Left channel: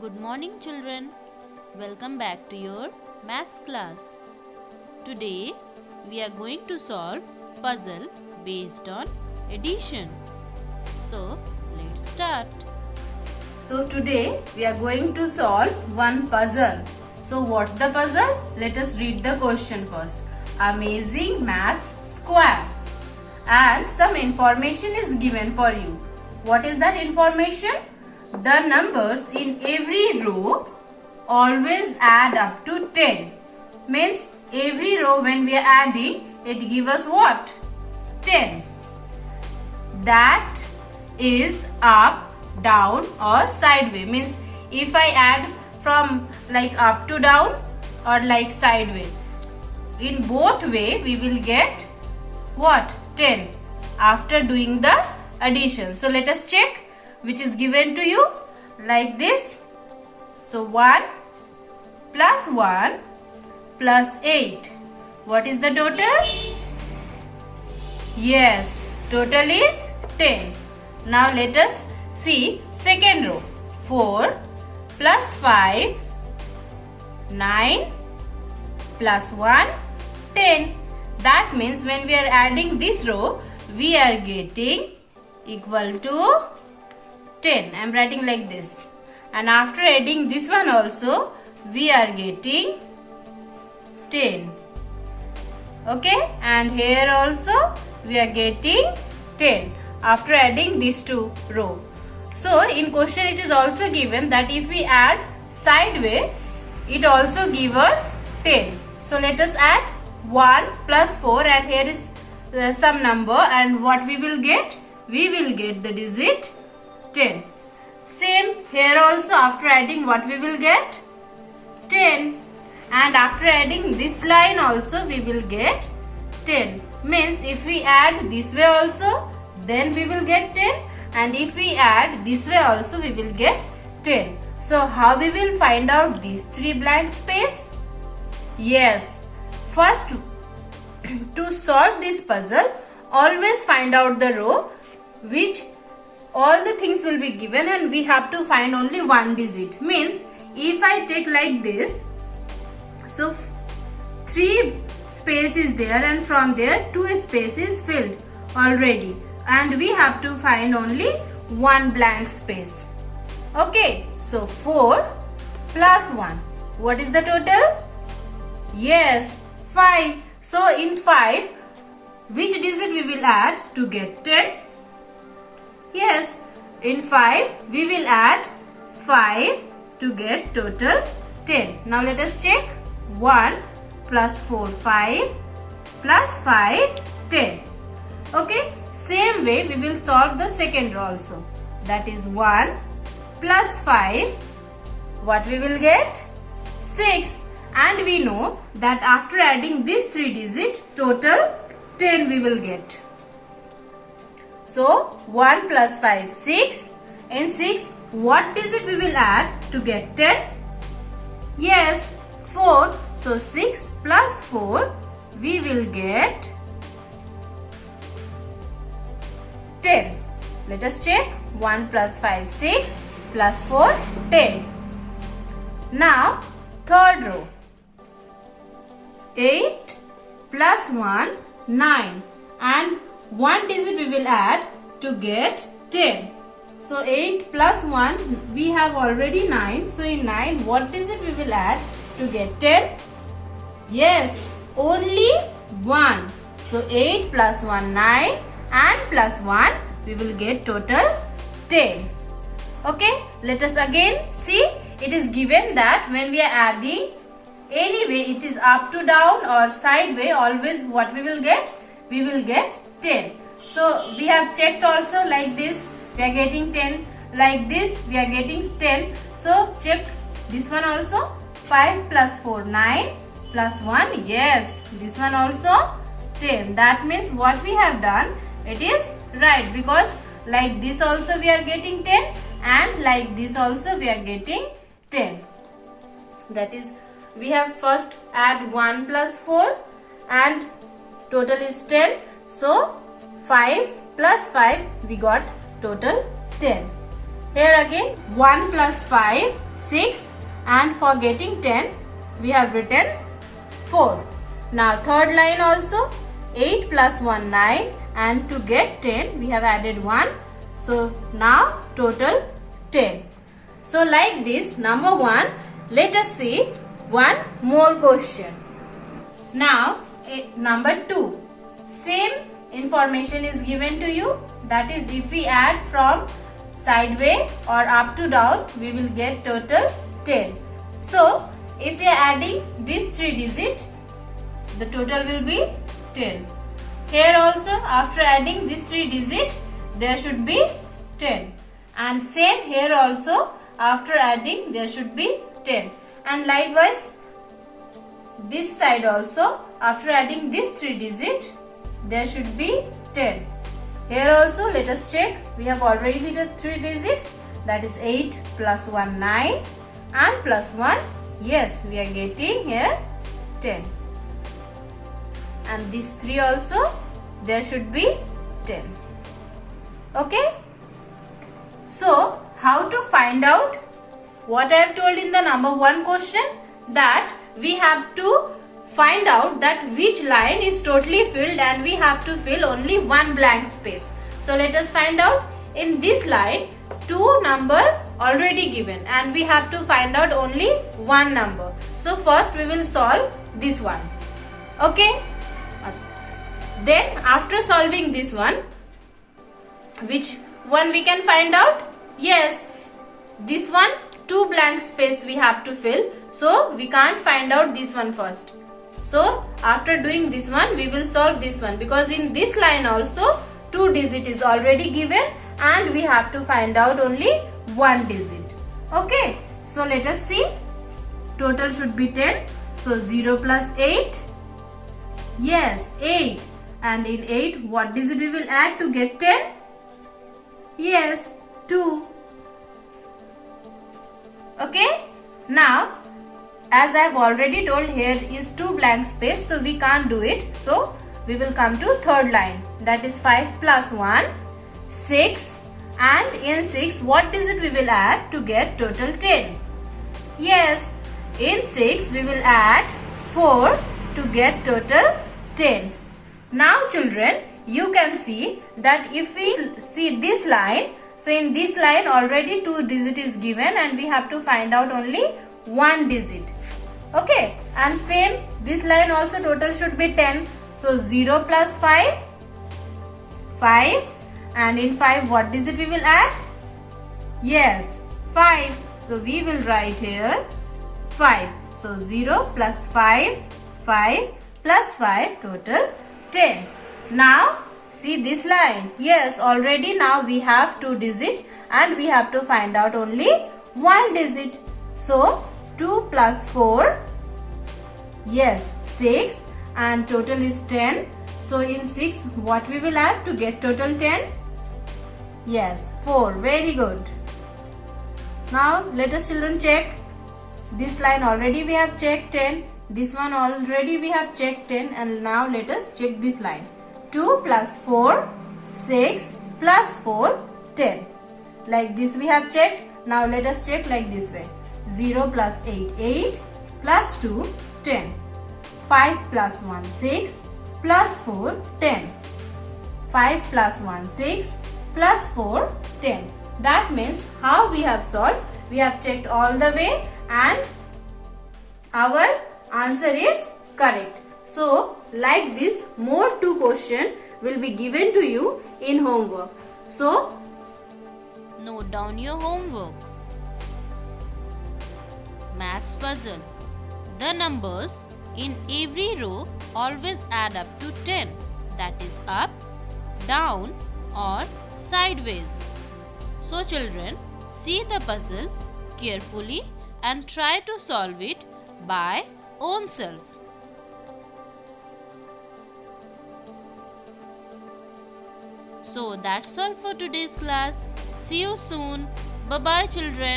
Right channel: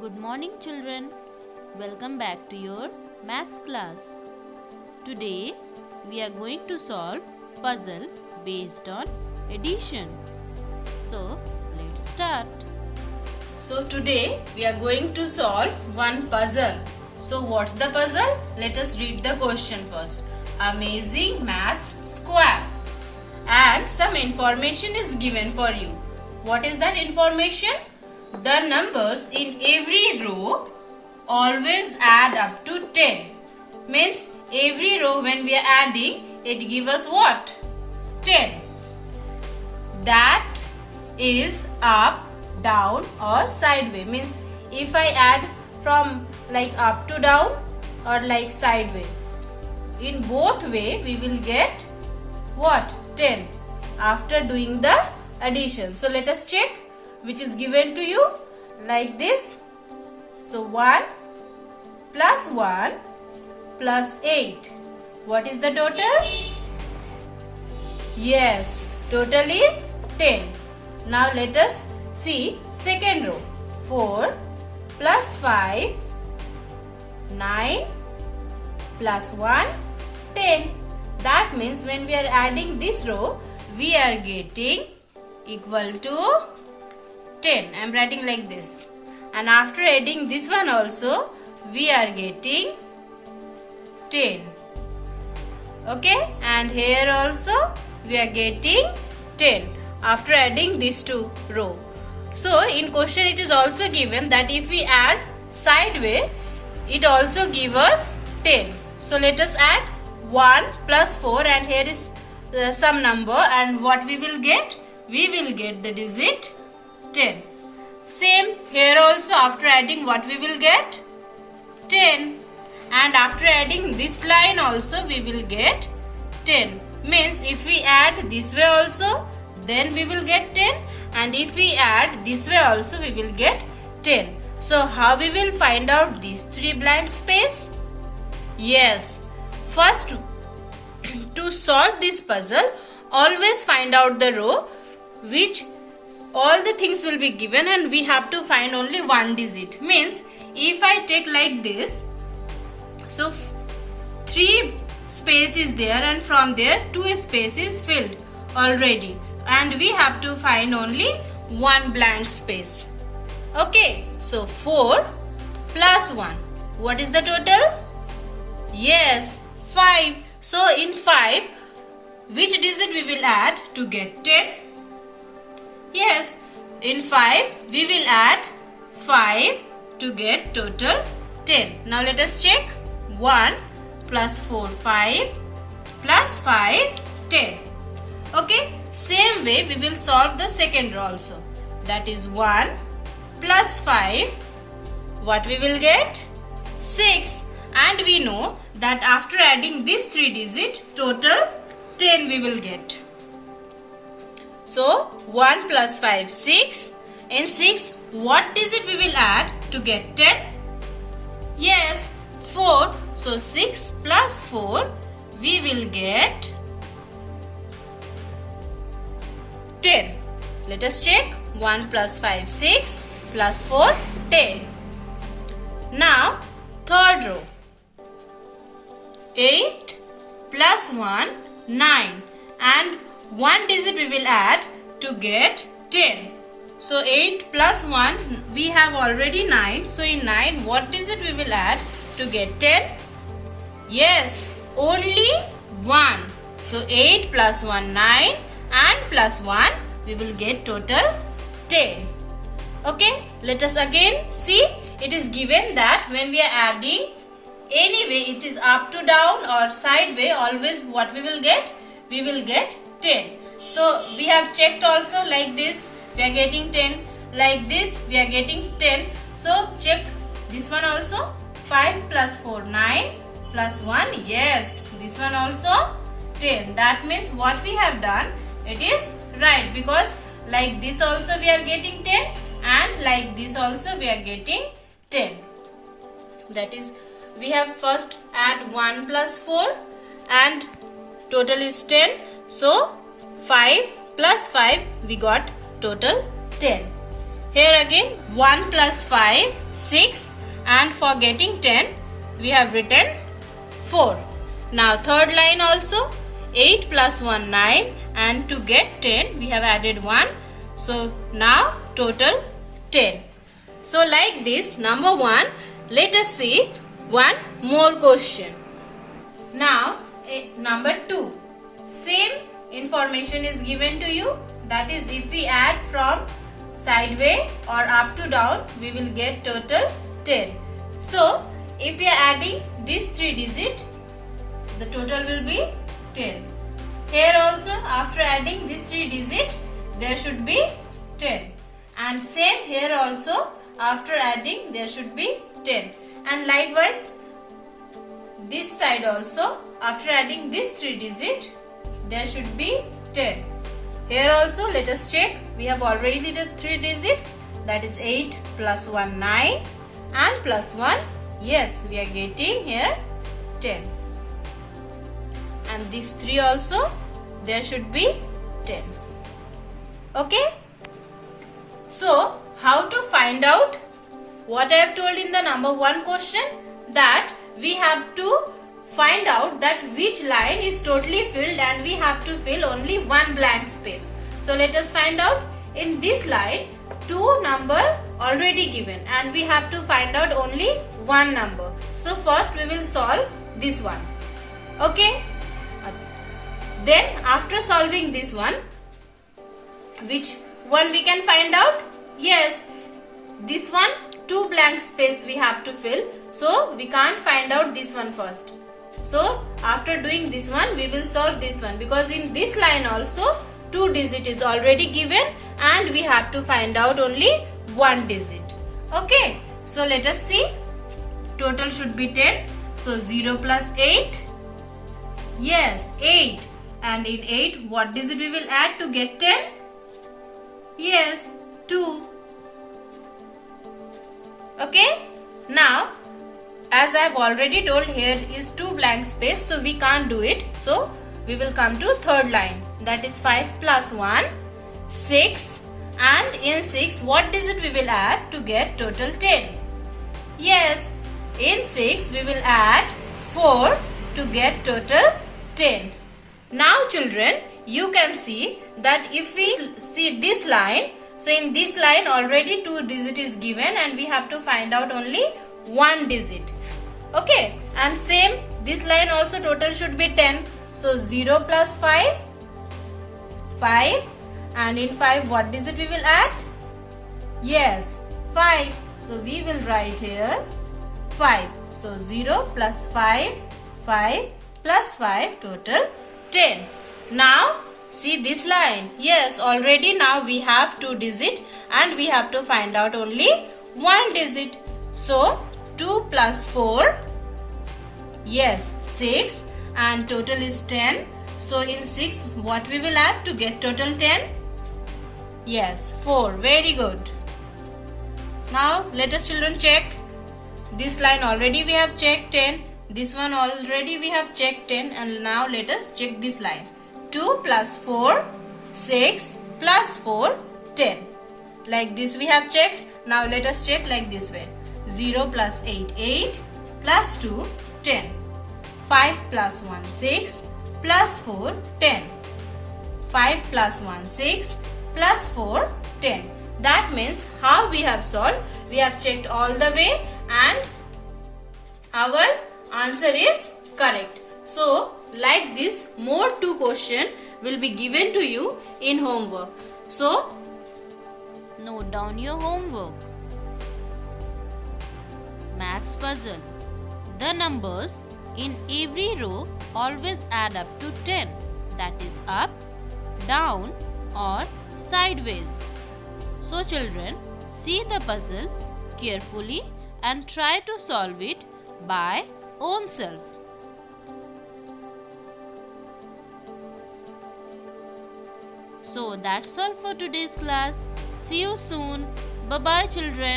Good morning, children. Welcome back to your maths class. Today we are going to solve puzzle based on addition. So let's start. So today we are going to solve one puzzle. So what's the puzzle? Let us read the question first. Amazing Maths Square. And some information is given for you. What is that information? The numbers in every row always add up to 10. Means every row when we are adding, it gives us what? 10. That is up, down or sideways. Means if I add from like up to down or like sideways, in both way we will get what? 10 after doing the addition. So let us check which is given to you like this. So 1 plus 1 plus 8. What is the total? Yes, total is 10. Now let us see second row. 4 plus 5, 9 plus 1, 10. That means when we are adding this row, we are getting equal to 10. I am writing like this. And after adding this one also, we are getting 10. Okay, and here also we are getting 10 after adding these two row. So in question it is also given that if we add sideways, it also gives us 10. So let us add 1 plus 4 and here is some number, and what we will get? We will get the digit 10. Same here also, after adding what we will get? 10. And after adding this line also we will get 10. Means if we add this way also, then we will get 10, and if we add this way also we will get 10. So how we will find out these three blank space? Yes, first to solve this puzzle, always find out the row which all the things will be given and we have to find only one digit. Means if I take like this, so 3 space is there and from there 2 space is filled already, and we have to find only one blank space. Okay, so 4 plus 1. What is the total? Yes, 5. So in 5, which digit we will add to get 10? Yes, in 5 we will add 5 to get total 10. Now let us check. 1 plus 4, 5 plus 5, 10. Okay, same way we will solve the second row also. That is 1 plus 5. What we will get? 6. And we know that after adding these 3 digits, total 10 we will get. So 1 plus 5, 6. In 6, what digit we will add to get 10? Yes, 4. So 6 plus 4, we will get 10. Let us check. 1 plus 5, 6 plus 4, 10. Now third row. 8 plus 1, 9, and one digit we will add to get 10. So 8 plus 1, we have already 9. So in 9, what digit we will add to get 10? Yes, only 1. So 8 plus 1, 9, and plus 1, we will get total 10. Okay, let us again see. It is given that when we are adding, anyway it is up to down or sideways, always what we will get? We will get 10. So we have checked also like this, we are getting 10. Like this, we are getting 10. So check this one also. 5 plus 4, 9 plus 1. Yes, this one also 10. That means what we have done, it is right, because like this also we are getting 10 and like this also we are getting 10. That is, we have first add 1 plus 4 and total is 10. So 5 plus 5 we got total 10. Here again 1 plus 5, 6, and for getting 10 we have written 4. Now third line also 8 plus 1 9, and to get 10 we have added 1. So now total 10. So like this, number 1, let us see one more question. Now number 2, same information is given to you, that is if we add from sideway or up to down we will get total 10. So if we are adding these 3 digits, the total will be 10. Here also after adding these 3 digits there should be 10, and same here also after adding there should be 10, and likewise this side also after adding these 3 digits there should be 10. Here also let us check, we have already did 3 digits, that is 8 plus 1 9 and plus 1, yes we are getting here 10, and these 3 also there should be 10. Okay, so how to find out what I have told in the number 1 question, that we have to find out that which line is totally filled and we have to fill only one blank space. So let us find out. In this line 2 number already given and we have to find out only one number. So first we will solve this one. Okay, then after solving this one, which one we can find out? Yes, this one 2 blank space we have to fill, so we can't find out this one first. So after doing this one we will solve this one, because in this line also 2 digit is already given and we have to find out only 1 digit. Okay, so let us see. Total should be 10. So 0 plus 8. Yes, 8. And in 8 what digit we will add to get 10? Yes, 2. Okay, now as I have already told, here is 2 blank space, so we can't do it. So we will come to third line, that is 5 plus 1, 6, and in 6 what digit we will add to get total 10? Yes, in 6 we will add 4 to get total 10. Now children, you can see that if we see this line, so in this line already 2 digit is given and we have to find out only 1 digit. Okay, and same this line also total should be 10. So 0 plus 5, 5, and in 5 what digit we will add? Yes, 5. So we will write here 5. So 0 plus 5, 5 plus 5 total 10. Now see this line. Yes, already now we have 2 digit and we have to find out only 1 digit. So 2 plus 4, yes, 6, and total is 10. So in 6 what we will add to get total 10? Yes, 4. Very good. Now let us children check. This line already we have checked 10. This one already we have checked 10, and now let us check this line. 2 plus 4, 6 plus 4, 10. Like this we have checked. Now let us check like this way. 0 plus 8, 8 plus 2, 10. 5 plus 1, 6 plus 4, 10. 5 plus 1, 6 plus 4, 10. That means how we have solved? We have checked all the way and our answer is correct. So like this, more 2 questions will be given to you in homework. So note down your homework. Maths puzzle. The numbers in every row always add up to 10. That is up, down or sideways. So children, see the puzzle carefully and try to solve it by own self. So that's all for today's class. See you soon. Bye bye children.